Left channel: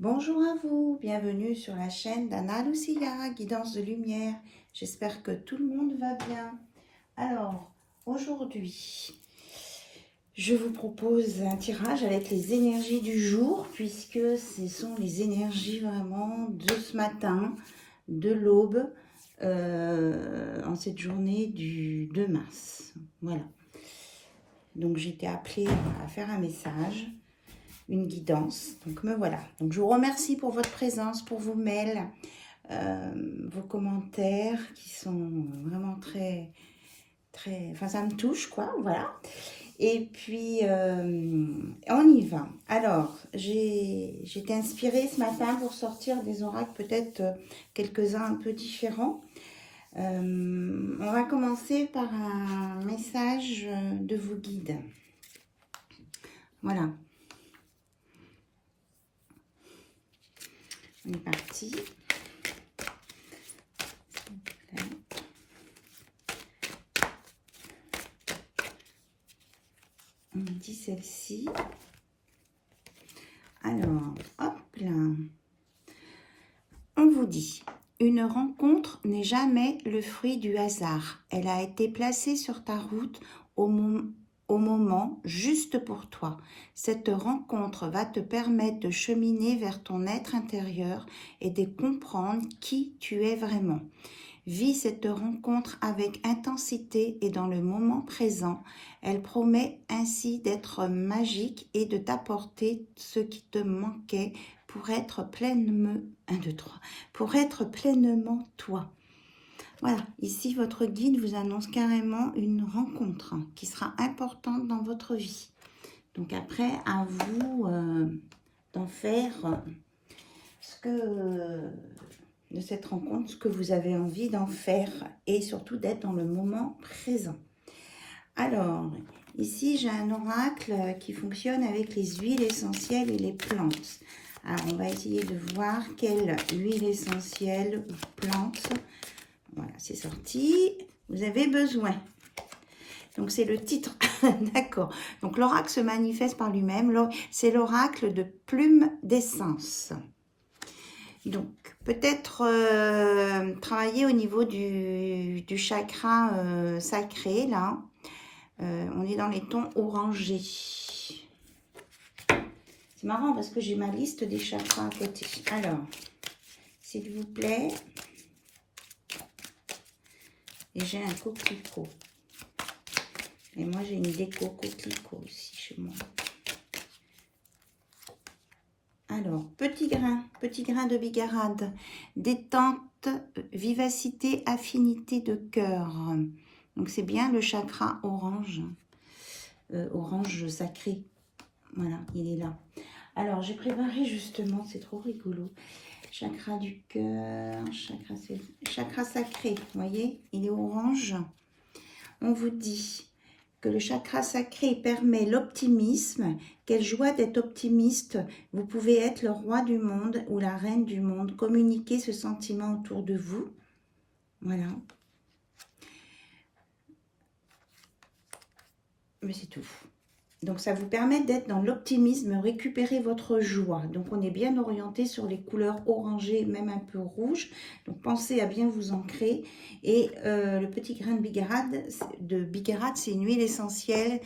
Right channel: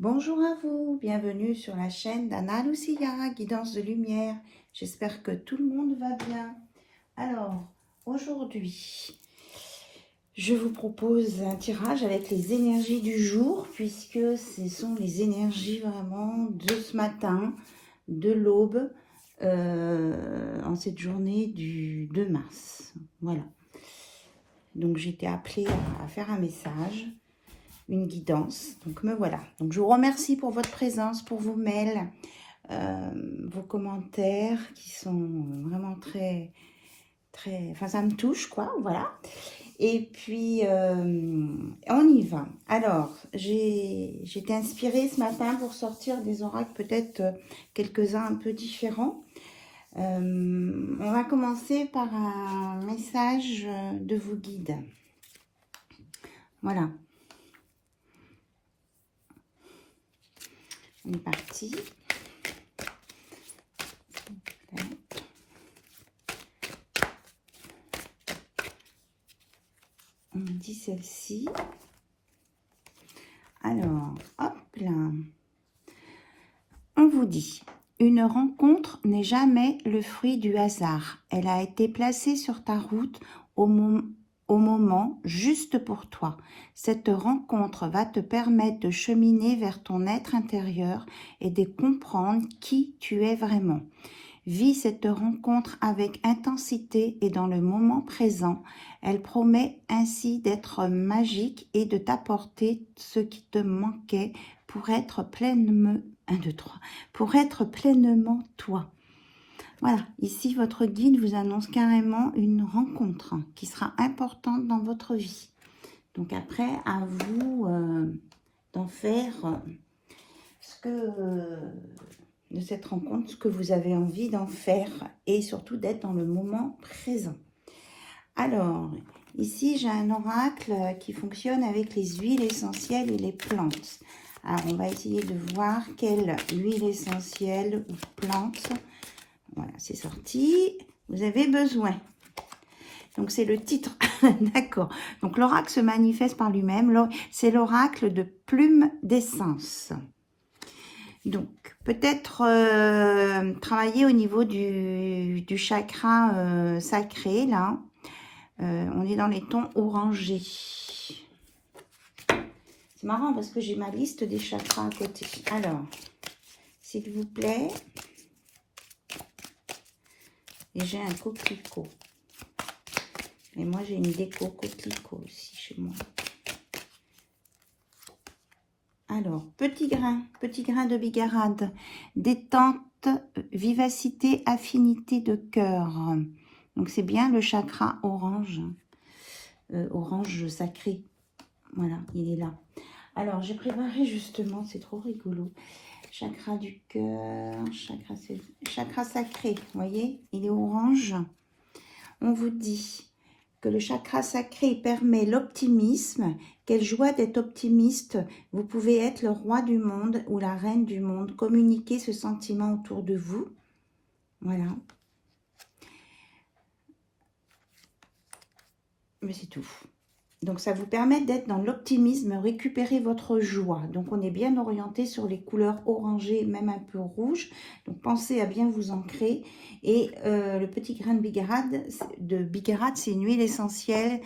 Bonjour à vous, bienvenue sur la chaîne d'Anna Lucia, Guidance de Lumière. J'espère que tout le monde va bien. Alors, aujourd'hui, je vous propose un tirage avec les énergies du jour, puisque ce sont les énergies vraiment de ce matin, de l'aube, en cette journée du 2 mars. Voilà. Donc, j'ai été appelée à faire un message, une guidance. Donc me voilà. Donc je vous remercie pour votre présence, pour vos mails, vos commentaires qui sont vraiment très, enfin ça me touche quoi, voilà. Et puis on y va. Alors j'ai été inspirée ce matin pour sortir des oracles peut-être quelques-uns un peu différents. On va commencer par un message de vos guides. Voilà. On est parti. On dit celle-ci. Alors, hop là. On vous dit, une rencontre n'est jamais le fruit du hasard. Elle a été placée sur ta route au moment juste pour toi. Cette rencontre va te permettre de cheminer vers ton être intérieur et de comprendre qui tu es vraiment. Vis cette rencontre avec intensité et dans le moment présent. Elle promet ainsi d'être magique et de t'apporter ce qui te manquait pour être pleinement, pour être pleinement toi. Voilà, ici votre guide vous annonce carrément une rencontre qui sera importante dans votre vie. Donc après, à vous d'en faire ce que de cette rencontre, ce que vous avez envie d'en faire et surtout d'être dans le moment présent. Alors, ici j'ai un oracle qui fonctionne avec les huiles essentielles et les plantes. Alors, on va essayer de voir quelle huile essentielle ou plante. Voilà, c'est sorti. Vous avez besoin. Donc, c'est le titre. D'accord. Donc, l'oracle se manifeste par lui-même. C'est l'oracle de plume d'essence. Donc, peut-être travailler au niveau du chakra sacré, là. On est dans les tons orangés. C'est marrant parce que j'ai ma liste des chakras à côté. Alors, s'il vous plaît. Et j'ai un coquelicot. Et moi, j'ai une déco coquelicot aussi chez moi. Alors, petit grain de bigarade, détente, vivacité, affinité de cœur. Donc, c'est bien le chakra orange, orange sacré. Voilà, il est là. Alors, j'ai préparé justement, c'est trop rigolo, chakra du cœur, chakra sacré, vous voyez, il est orange. On vous dit que le chakra sacré permet l'optimisme. Quelle joie d'être optimiste. Vous pouvez être le roi du monde ou la reine du monde. Communiquez ce sentiment autour de vous. Voilà. Mais c'est tout. Donc, ça vous permet d'être dans l'optimisme, récupérer votre joie. Donc, on est bien orienté sur les couleurs orangées, même un peu rouges. Donc, pensez à bien vous ancrer. Et le petit grain de bigarade, c'est une huile essentielle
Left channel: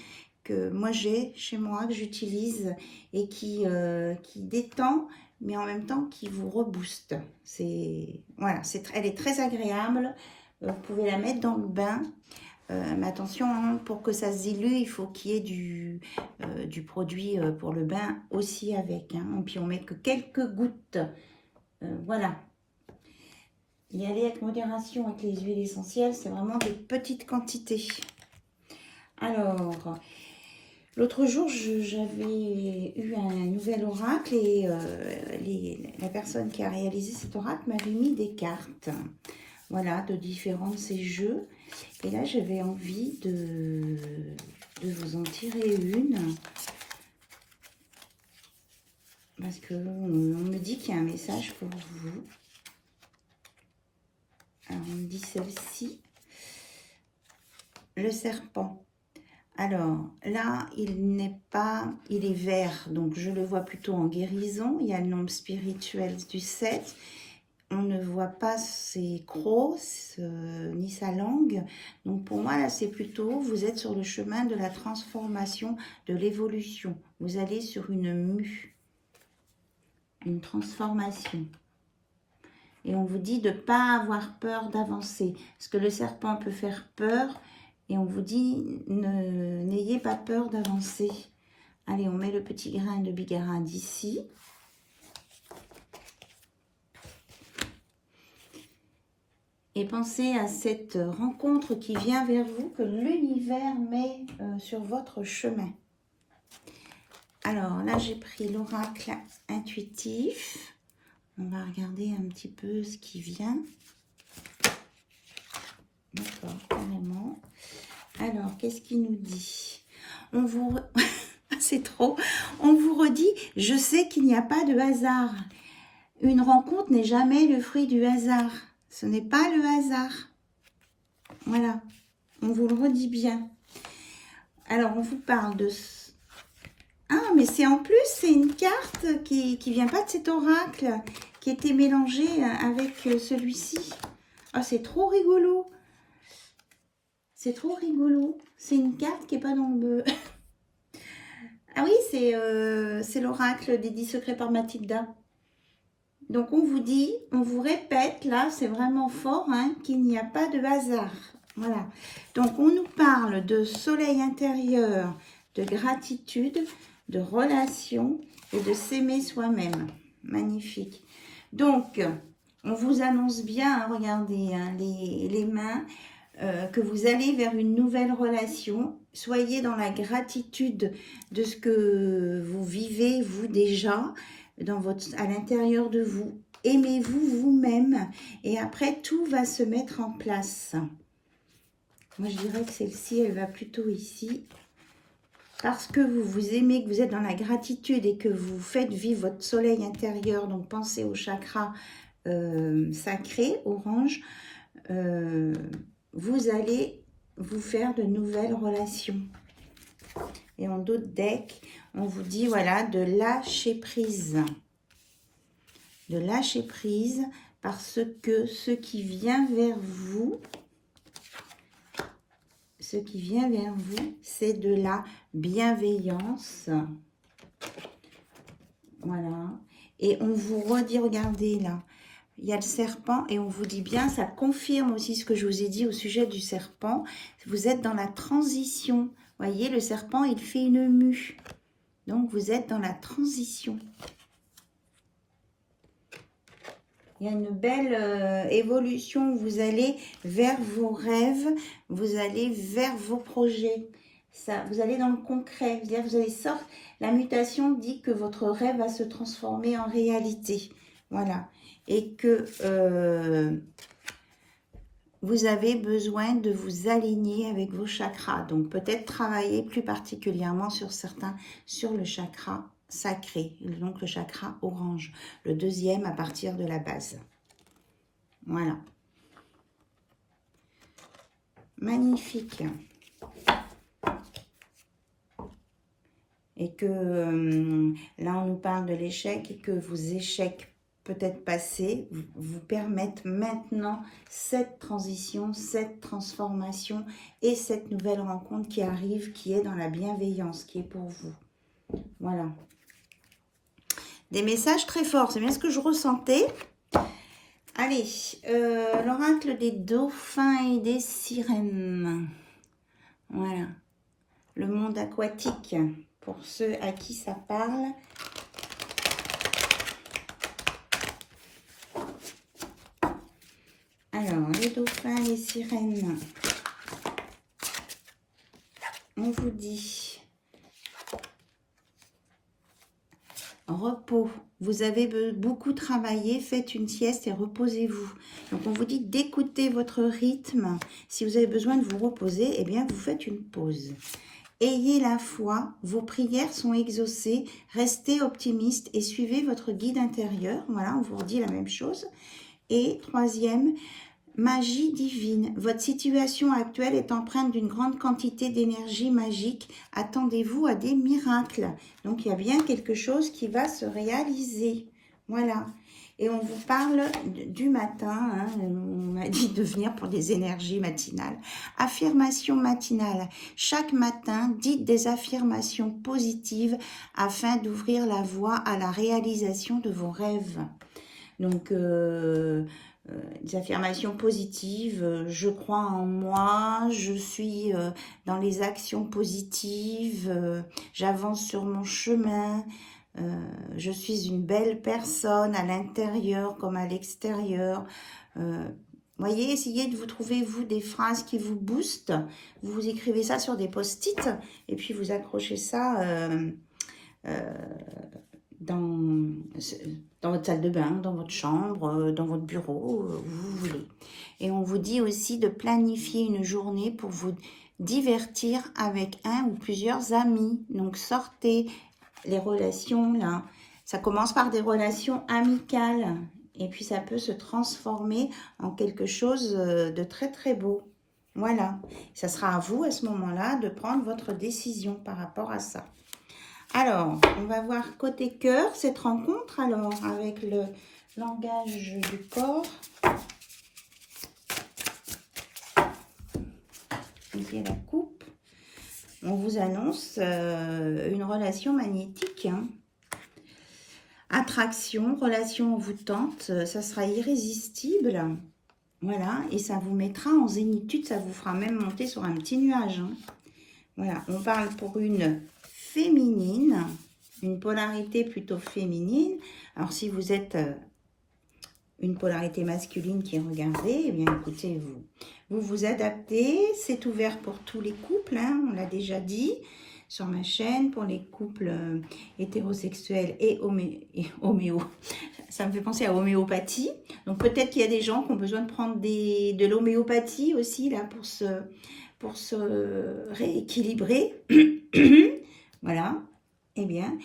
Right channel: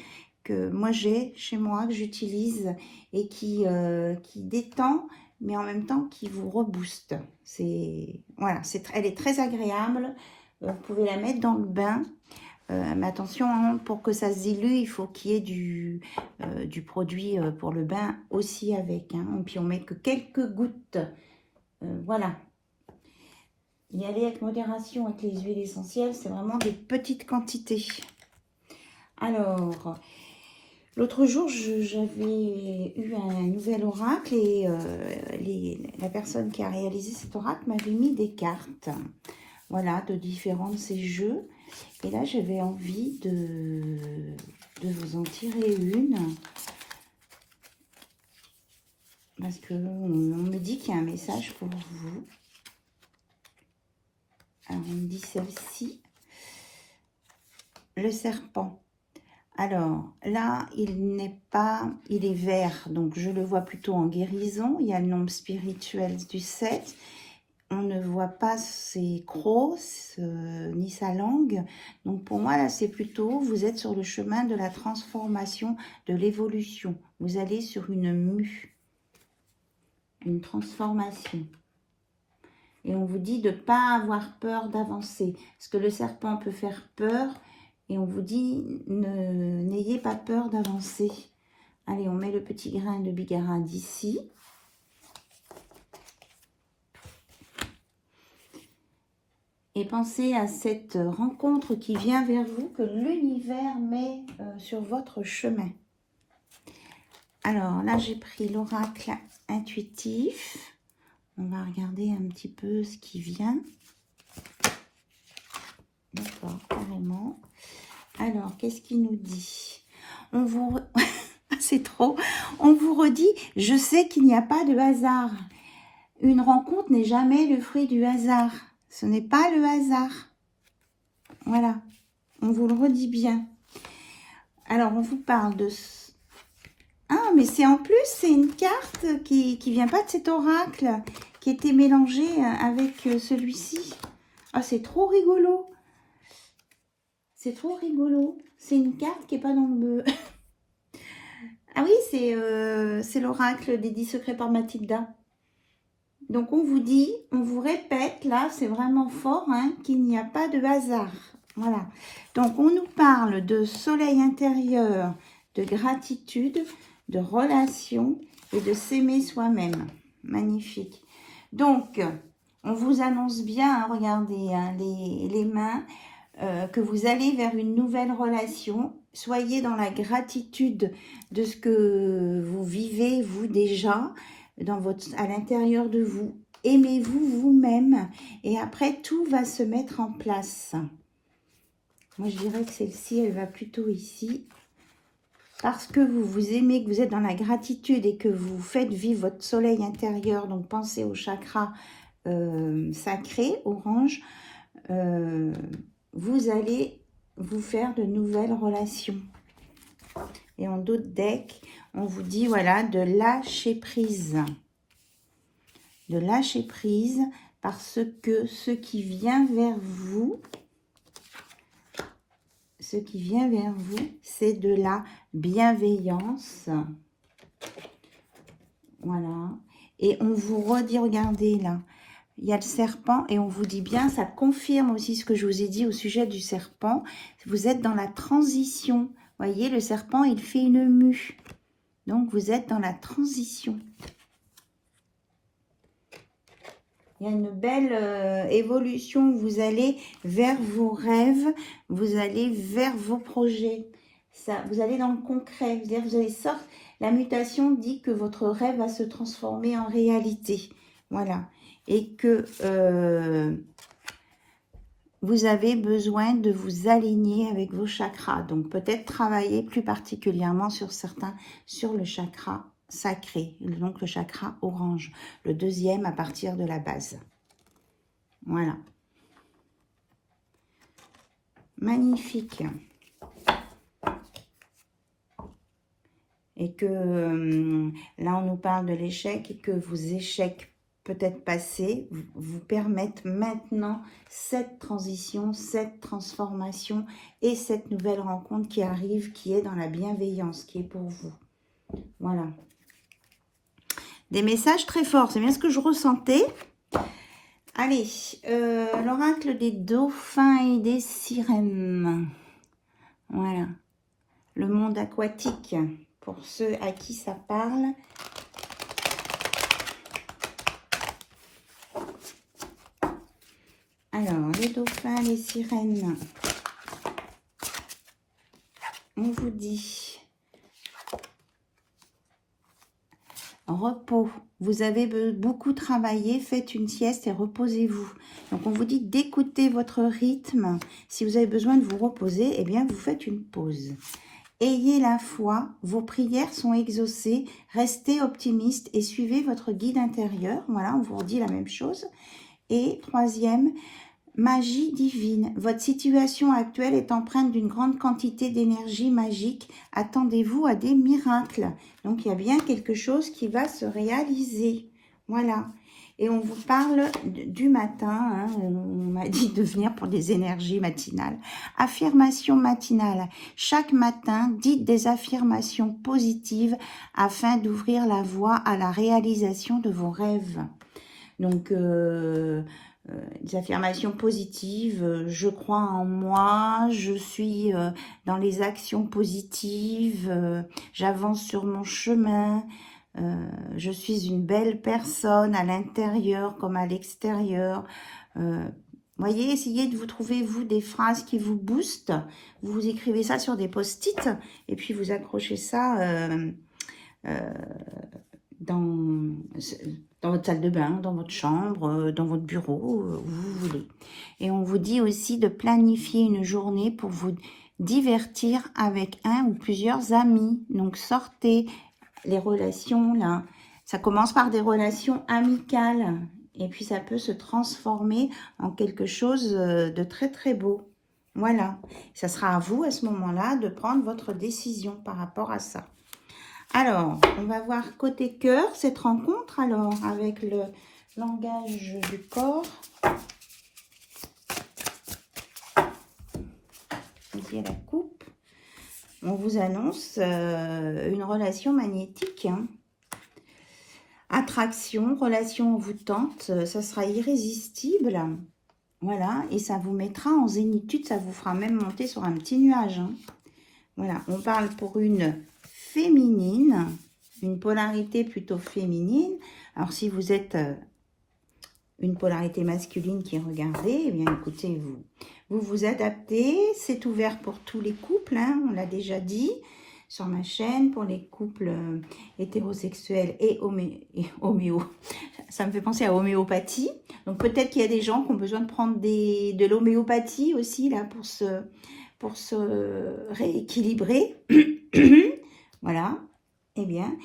que moi j'ai chez moi, que j'utilise et qui détend, mais en même temps qui vous rebooste. Voilà, elle est très agréable. Vous pouvez la mettre dans le bain. Mais attention, hein, pour que ça se dilue, il faut qu'il y ait du produit pour le bain aussi avec. Hein. Et puis on met que quelques gouttes. Voilà. Y aller avec modération avec les huiles essentielles, c'est vraiment des petites quantités. Alors, l'autre jour, j'avais eu un nouvel oracle et la personne qui a réalisé cet oracle m'avait mis des cartes. Voilà, de différents de ces jeux. Et là, j'avais envie de vous en tirer une. Parce qu'on me dit qu'il y a un message pour vous. Alors, on me dit celle-ci. Le serpent. Alors, là, il n'est pas, il est vert, donc je le vois plutôt en guérison. Il y a le nombre spirituel du 7. On ne voit pas ses crocs, ni sa langue. Donc, pour moi, là, c'est plutôt, vous êtes sur le chemin de la transformation, de l'évolution. Vous allez sur une mue, une transformation. Et on vous dit de ne pas avoir peur d'avancer. Parce que le serpent peut faire peur. Et on vous dit, n'ayez pas peur d'avancer. Allez, on met le petit grain de bigarade ici. Et pensez à cette rencontre qui vient vers vous, que l'univers met sur votre chemin. Alors là, j'ai pris l'oracle intuitif. On va regarder un petit peu ce qui vient. D'accord, carrément. Alors, qu'est-ce qu'il nous dit? On vous... C'est trop. On vous redit, je sais qu'il n'y a pas de hasard. Une rencontre n'est jamais le fruit du hasard. Ce n'est pas le hasard. Voilà. On vous le redit bien. Alors, on vous parle de... Ah, mais c'est en plus, c'est une carte qui vient pas de cet oracle, qui était mélangée avec celui-ci. Ah, c'est trop rigolo. C'est trop rigolo. C'est une carte qui n'est pas dans le... Ah oui, c'est l'oracle des 10 secrets par Mathilda. Donc, on vous dit, on vous répète, là, c'est vraiment fort, hein, qu'il n'y a pas de hasard. Voilà. Donc, on nous parle de soleil intérieur, de gratitude, de relation et de s'aimer soi-même. Magnifique. Donc, on vous annonce bien, hein, regardez, hein, les mains, que vous allez vers une nouvelle relation. Soyez dans la gratitude de ce que vous vivez, vous déjà, à l'intérieur de vous. Aimez-vous vous-même et après tout va se mettre en place. Moi je dirais que celle-ci elle va plutôt ici parce que vous vous aimez, que vous êtes dans la gratitude et que vous faites vivre votre soleil intérieur. Donc pensez au chakra sacré orange. Vous allez vous faire de nouvelles relations. Et en d'autres decks, on vous dit voilà de lâcher prise. De lâcher prise parce que ce qui vient vers vous, c'est de la bienveillance. Voilà. Et on vous redit, regardez là, il y a le serpent et on vous dit bien, ça confirme aussi ce que je vous ai dit au sujet du serpent. Vous êtes dans la transition. Vous voyez, le serpent, il fait une mue. Donc, vous êtes dans la transition. Il y a une belle évolution. Vous allez vers vos rêves. Vous allez vers vos projets. Ça, vous allez dans le concret. Vous allez sortir. La mutation dit que votre rêve va se transformer en réalité. Voilà. Et que vous avez besoin de vous aligner avec vos chakras. Donc, peut-être travailler plus particulièrement sur le chakra sacré, donc le chakra orange, le deuxième à partir de la base. Voilà. Magnifique. Et que là, on nous parle de l'échec et que vos échecs peut-être passés vous permettent maintenant cette transition, cette transformation et cette nouvelle rencontre qui arrive, qui est dans la bienveillance, qui est pour vous. Voilà. Des messages très forts, c'est bien ce que je ressentais. Allez, l'oracle des dauphins et des sirènes. Voilà. Le monde aquatique, pour ceux à qui ça parle. Alors, les dauphins, les sirènes. On vous dit repos. Vous avez beaucoup travaillé, faites une sieste et reposez-vous. Donc, on vous dit d'écouter votre rythme. Si vous avez besoin de vous reposer, eh bien, vous faites une pause. Ayez la foi, vos prières sont exaucées, restez optimiste et suivez votre guide intérieur. Voilà, on vous redit la même chose. Et troisième, Magie divine. Votre situation actuelle est empreinte d'une grande quantité d'énergie magique. Attendez-vous à des miracles. Donc, il y a bien quelque chose qui va se réaliser. Voilà. Et on vous parle du matin. Hein. On m'a dit de venir pour des énergies matinales. Affirmation matinale. Chaque matin, dites des affirmations positives afin d'ouvrir la voie à la réalisation de vos rêves. Donc, des affirmations positives, je crois en moi, je suis dans les actions positives, j'avance sur mon chemin, je suis une belle personne à l'intérieur comme à l'extérieur. Voyez, essayez de vous trouver, vous, des phrases qui vous boostent. Vous écrivez ça sur des post-it et puis vous accrochez ça dans votre salle de bain, dans votre chambre, dans votre bureau, où vous voulez. Et on vous dit aussi de planifier une journée pour vous divertir avec un ou plusieurs amis. Donc sortez les relations là. Ça commence par des relations amicales. Et puis ça peut se transformer en quelque chose de très très beau. Voilà. Ça sera à vous à ce moment-là de prendre votre décision par rapport à ça. Alors, on va voir côté cœur, cette rencontre, alors, avec le langage du corps. Et la coupe. On vous annonce une relation magnétique. Hein. Attraction, relation envoûtante, ça sera irrésistible. Voilà, et ça vous mettra en zénitude, ça vous fera même monter sur un petit nuage. Hein. Voilà, on parle pour une féminine, une polarité plutôt féminine. Alors, si vous êtes une polarité masculine qui regardez, eh bien, écoutez, vous adaptez. C'est ouvert pour tous les couples, hein, on l'a déjà dit sur ma chaîne, pour les couples hétérosexuels et homéo. Ça me fait penser à homéopathie. Donc, peut-être qu'il y a des gens qui ont besoin de prendre de l'homéopathie aussi, là, pour se rééquilibrer. Voilà. Eh bien,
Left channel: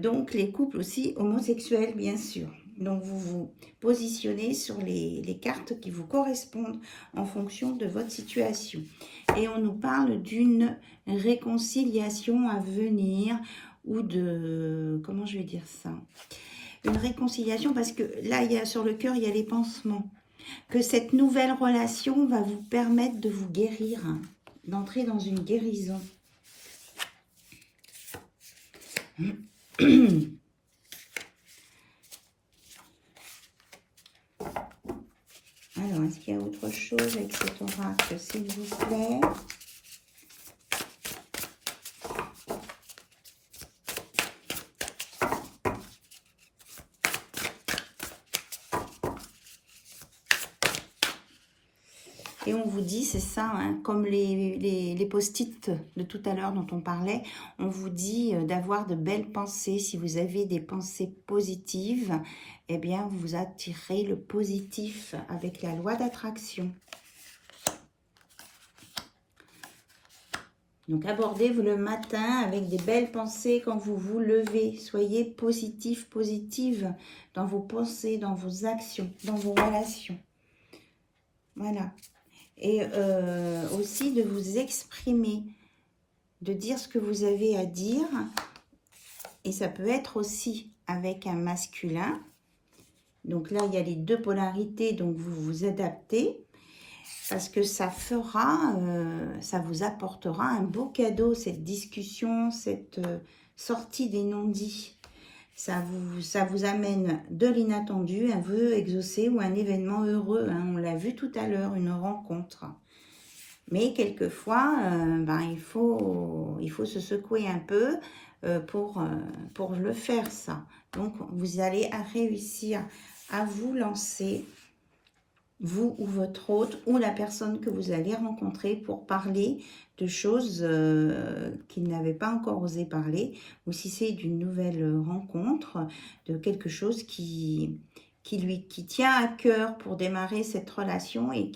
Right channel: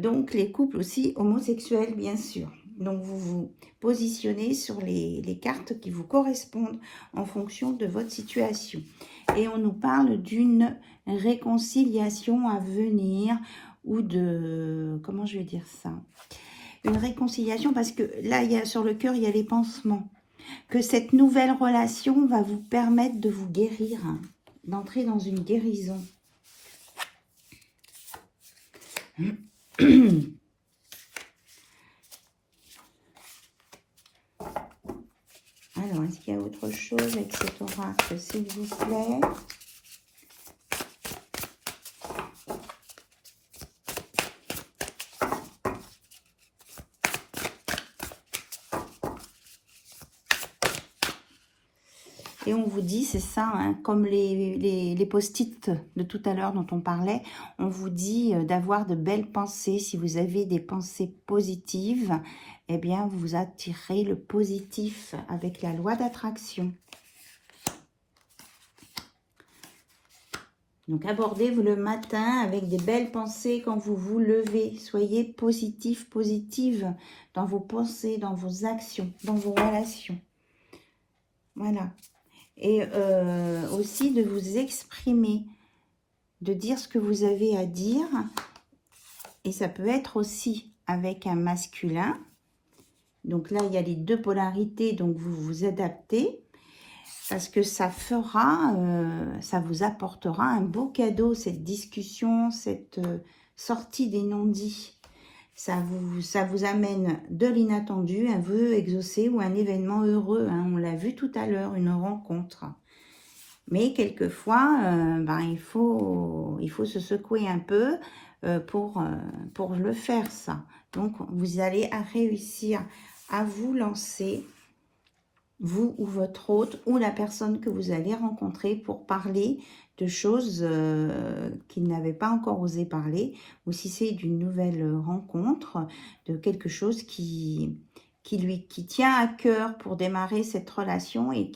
donc les couples aussi homosexuels, bien sûr. Donc, vous vous positionnez sur les cartes qui vous correspondent en fonction de votre situation. Et on nous parle d'une réconciliation à venir ou de... Comment je vais dire ça? Une réconciliation parce que là, sur le cœur, il y a les pansements. Que cette nouvelle relation va vous permettre de vous guérir, hein, d'entrer dans une guérison. Alors, est-ce qu'il y a autre chose avec cet oracle, s'il vous plaît? Et on vous dit, c'est ça, hein, comme les post-it de tout à l'heure dont on parlait, on vous dit d'avoir de belles pensées. Si vous avez des pensées positives, eh bien, vous attirez le positif avec la loi d'attraction. Donc, abordez-vous le matin avec des belles pensées quand vous vous levez. Soyez positif, positive dans vos pensées, dans vos actions, dans vos relations. Voilà. Et aussi de vous exprimer, de dire ce que vous avez à dire. Et ça peut être aussi avec un masculin. Donc là, il y a les deux polarités, donc vous vous adaptez. Parce que ça fera, ça vous apportera un beau cadeau, cette discussion, cette sortie des non-dits. Ça vous amène de l'inattendu, un vœu exaucé ou un événement heureux. Hein. On l'a vu tout à l'heure, une rencontre. Mais quelquefois, il faut se secouer un peu pour le faire, ça. Donc, vous allez réussir à vous lancer, vous ou votre hôte, ou la personne que vous allez rencontrer pour parler de choses qu'il n'avait pas encore osé parler, ou si c'est d'une nouvelle rencontre, de quelque chose qui tient à cœur pour démarrer cette relation et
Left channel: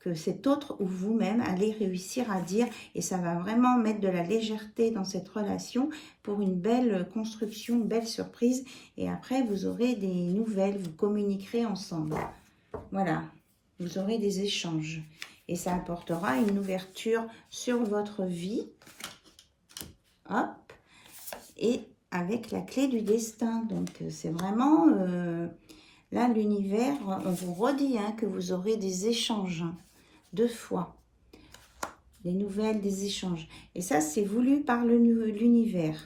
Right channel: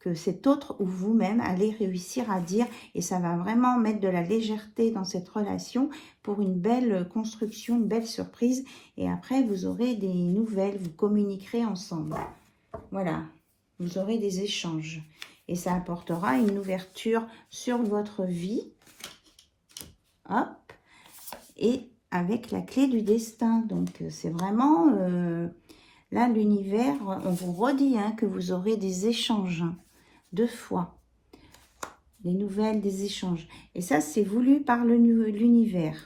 que cet autre ou vous-même allez réussir à dire, et ça va vraiment mettre de la légèreté dans cette relation pour une belle construction, une belle surprise, et après vous aurez des nouvelles, vous communiquerez ensemble. Voilà, vous aurez des échanges. Et ça apportera une ouverture sur votre vie. Hop. Et avec la clé du destin. Donc, c'est vraiment... là, l'univers, on vous redit hein, que vous aurez des échanges. Hein, 2 fois. Des nouvelles, des échanges. Et ça, c'est voulu par l'univers.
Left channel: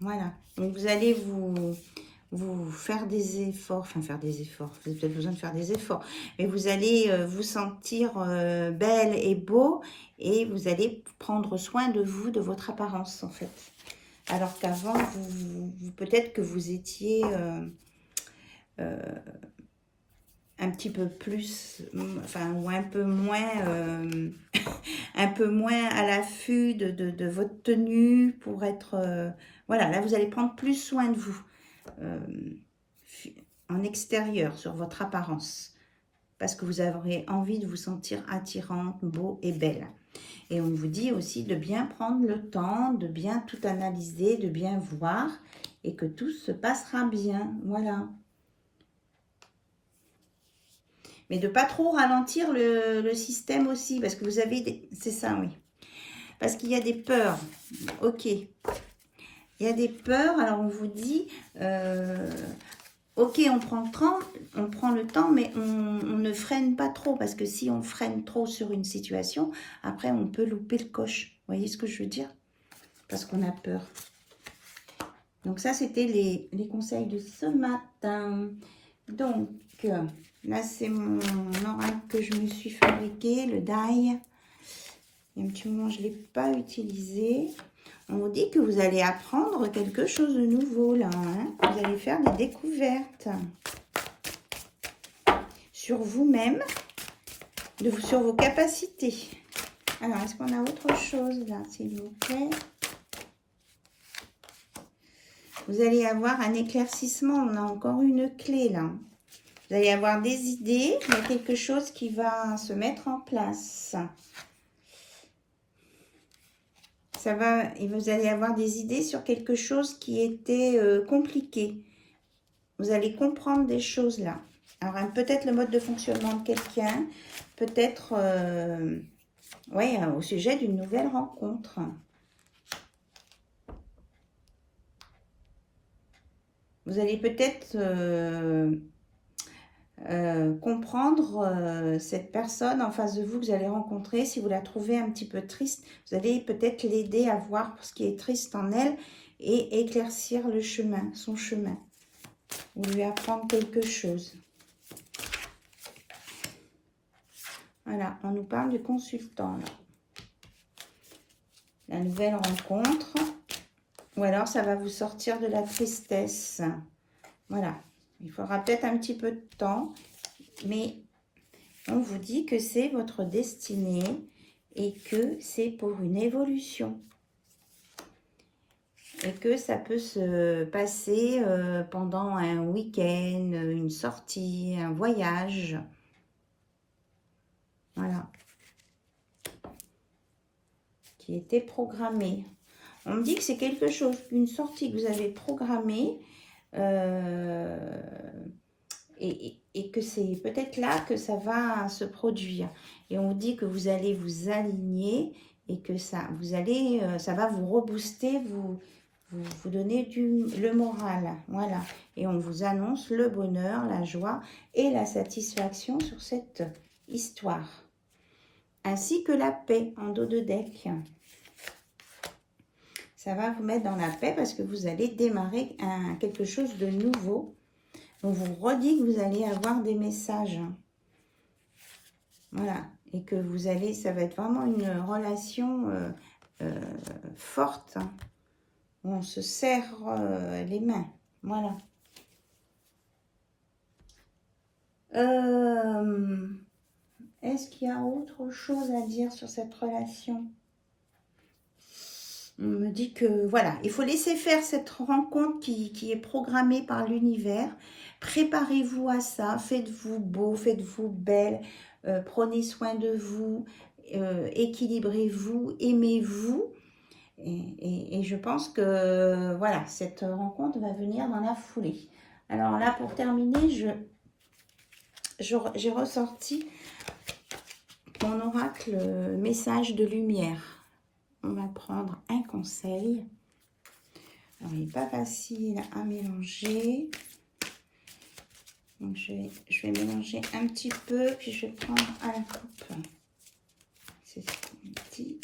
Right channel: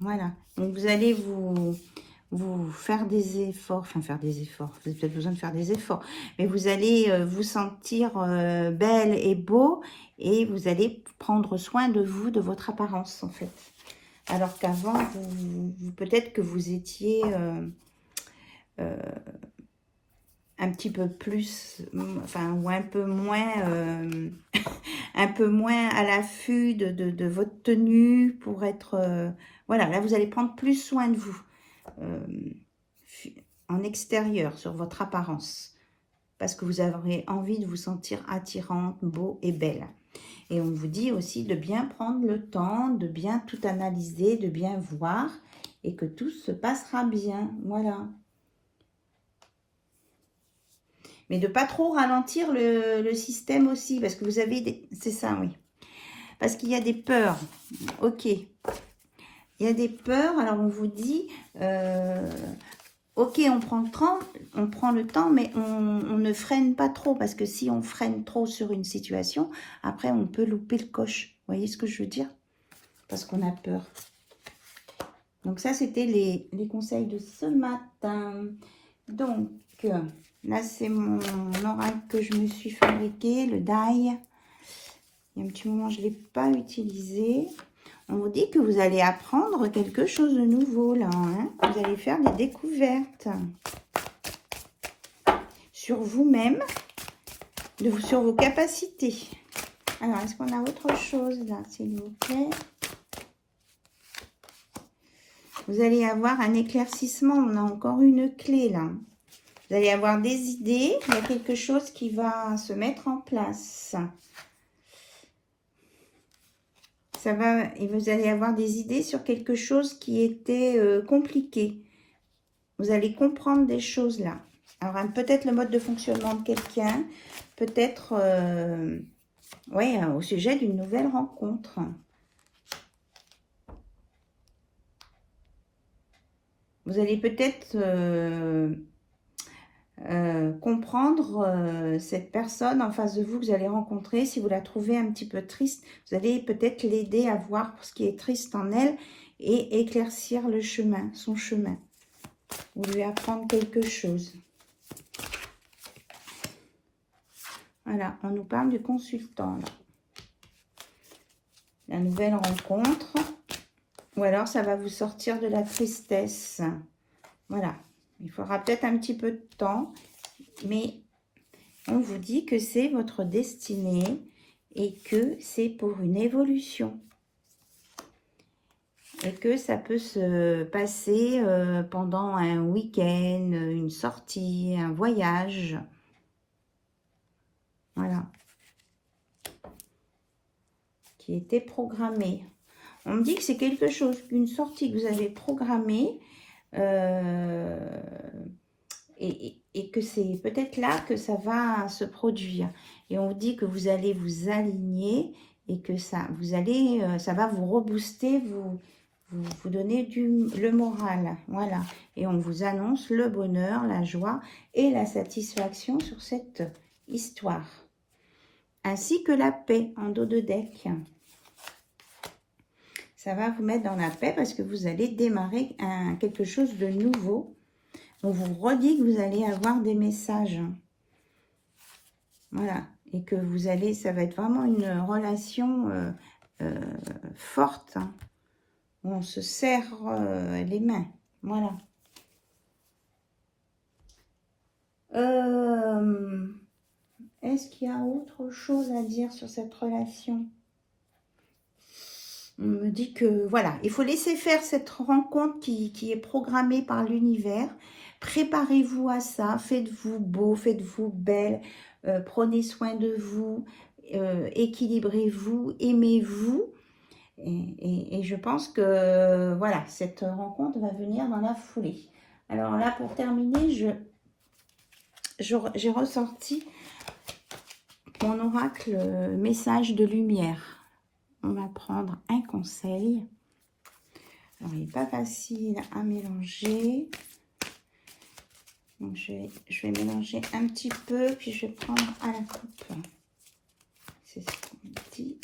Voilà. Donc, vous allez vous faire des efforts. Enfin, faire des efforts. Vous avez peut-être besoin de faire des efforts. Mais vous allez vous sentir belle et beau. Et vous allez prendre soin de vous, de votre apparence, en fait. Alors qu'avant, peut-être que vous étiez un petit peu plus, enfin, ou un peu moins, un peu moins à l'affût de votre tenue pour être, voilà, là, vous allez prendre plus soin de vous en extérieur, sur votre apparence, parce que vous aurez envie de vous sentir attirante, beau et belle. Et on vous dit aussi de bien prendre le temps, de bien tout analyser, de bien voir, et que tout se passera bien, voilà. Mais de pas trop ralentir le système aussi, parce que vous avez des... C'est ça, oui. Parce qu'il y a des peurs. Ok. Il y a des peurs, alors on vous dit... ok, on prend le temps, mais on ne freine pas trop, parce que si on freine trop sur une situation, après on peut louper le coche. Vous voyez ce que je veux dire? Parce qu'on a peur. Donc ça, c'était les conseils de ce matin. Donc... là, c'est mon oracle que je me suis fabriqué, le die. Il y a un petit moment, je ne l'ai pas utilisé. On vous dit que vous allez apprendre quelque chose de nouveau, là. Hein. Vous allez faire des découvertes sur vous-même, sur vos capacités. Alors, est-ce qu'on a autre chose, là, s'il vous plaît? Vous allez avoir un éclaircissement. On a encore une clé, là. Vous allez avoir des idées, il y a quelque chose qui va se mettre en place. Et vous allez avoir des idées sur quelque chose qui était compliqué. Vous allez comprendre des choses là. Alors, peut-être le mode de fonctionnement de quelqu'un, peut-être ouais, au sujet d'une nouvelle rencontre. Vous allez peut-être... comprendre cette personne en face de vous que vous allez rencontrer. Si vous la trouvez un petit peu triste, vous allez peut-être l'aider à voir ce qui est triste en elle et éclaircir le chemin, son chemin. Ou lui apprendre quelque chose. Voilà, on nous parle du consultant. Là. La nouvelle rencontre. Ou alors ça va vous sortir de la tristesse. Voilà. Il faudra peut-être un petit peu de temps. Mais on vous dit que c'est votre destinée et que c'est pour une évolution. Et que ça peut se passer pendant un week-end, une sortie, un voyage. Voilà. Qui était programmé. On me dit que c'est quelque chose, une sortie que vous avez programmée. Et que c'est peut-être là que ça va se produire. Et on vous dit que vous allez vous aligner et que ça va vous rebooster, vous donner le moral. Voilà. Et on vous annonce le bonheur, la joie et la satisfaction sur cette histoire. Ainsi que la paix en dos de deck. Ça va vous mettre dans la paix parce que vous allez démarrer quelque chose de nouveau. On vous redit que vous allez avoir des messages. Voilà. Et que vous allez, ça va être vraiment une relation forte. Hein, où on se serre les mains. Voilà. Est-ce qu'il y a autre chose à dire sur cette relation? On me dit que, voilà, il faut laisser faire cette rencontre qui est programmée par l'univers. Préparez-vous à ça, faites-vous beau, faites-vous belle, prenez soin de vous, équilibrez-vous, aimez-vous. Et je pense que, voilà, cette rencontre va venir dans la foulée. Alors là, pour terminer, j'ai ressorti mon oracle message de lumière. On va prendre un conseil. Alors, il n'est pas facile à mélanger. Donc, je vais mélanger un petit peu, puis je vais prendre à la coupe. C'est ce qu'on dit.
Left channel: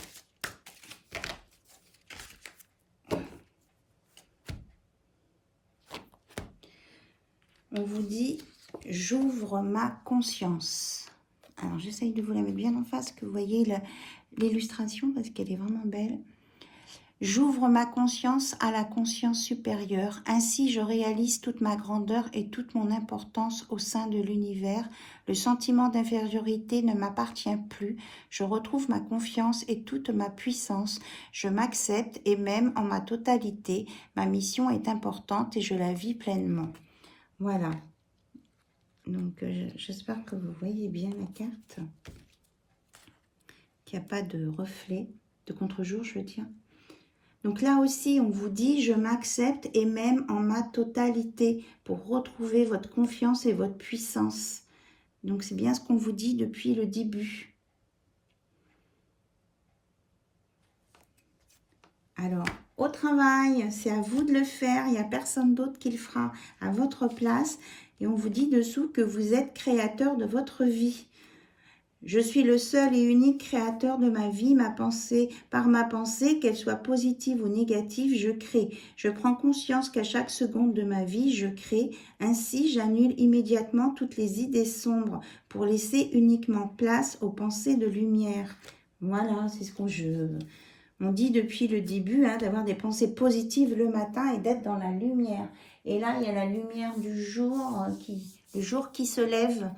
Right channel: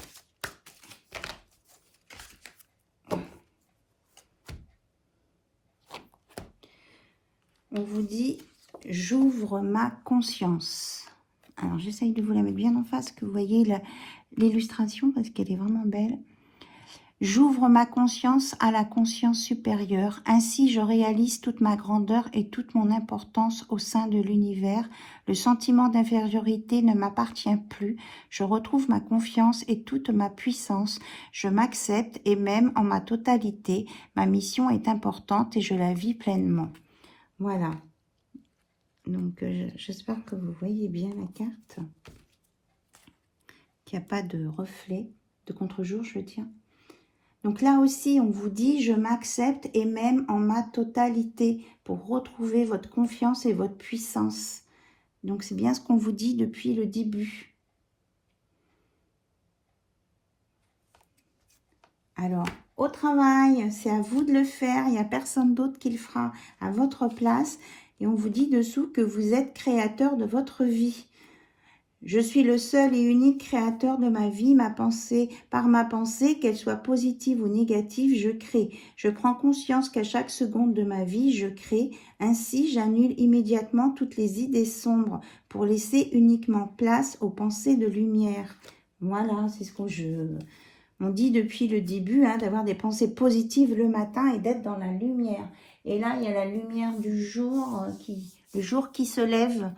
On vous dit, j'ouvre ma conscience. Alors, j'essaye de vous la mettre bien en face, que vous voyez l'illustration, parce qu'elle est vraiment belle. J'ouvre ma conscience à la conscience supérieure. Ainsi, je réalise toute ma grandeur et toute mon importance au sein de l'univers. Le sentiment d'infériorité ne m'appartient plus. Je retrouve ma confiance et toute ma puissance. Je m'accepte et même en ma totalité. Ma mission est importante et je la vis pleinement. Voilà. Donc, j'espère que vous voyez bien la carte. Qu'il n'y a pas de reflet, de contre-jour, je veux dire. Donc là aussi, on vous dit, je m'accepte et même en ma totalité pour retrouver votre confiance et votre puissance. Donc c'est bien ce qu'on vous dit depuis le début. Alors, au travail, c'est à vous de le faire. Il n'y a personne d'autre qui le fera à votre place. Et on vous dit dessous que vous êtes créateur de votre vie. Je suis le seul et unique créateur de ma vie, par ma pensée, qu'elle soit positive ou négative, je crée. Je prends conscience qu'à chaque seconde de ma vie, je crée. Ainsi, j'annule immédiatement toutes les idées sombres pour laisser uniquement place aux pensées de lumière. Voilà, c'est ce on dit depuis le début, hein, d'avoir des pensées positives le matin et d'être dans la lumière. Et là, il y a la lumière du jour, le jour qui se lève.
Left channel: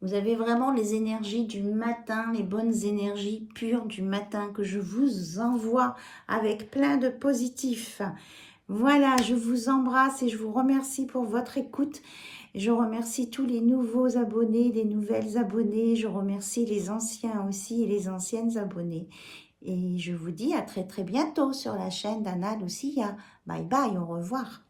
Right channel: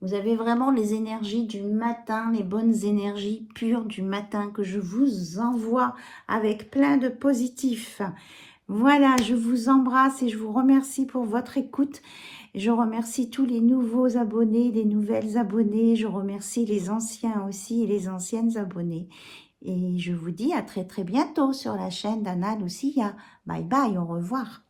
Vous avez vraiment les énergies du matin, les bonnes énergies pures du matin que je vous envoie avec plein de positifs. Voilà, je vous embrasse et je vous remercie pour votre écoute. Je remercie tous les nouveaux abonnés, les nouvelles abonnées. Je remercie les anciens aussi et les anciennes abonnées. Et je vous dis à très très bientôt sur la chaîne d'Anna Lucia. Bye bye, au revoir.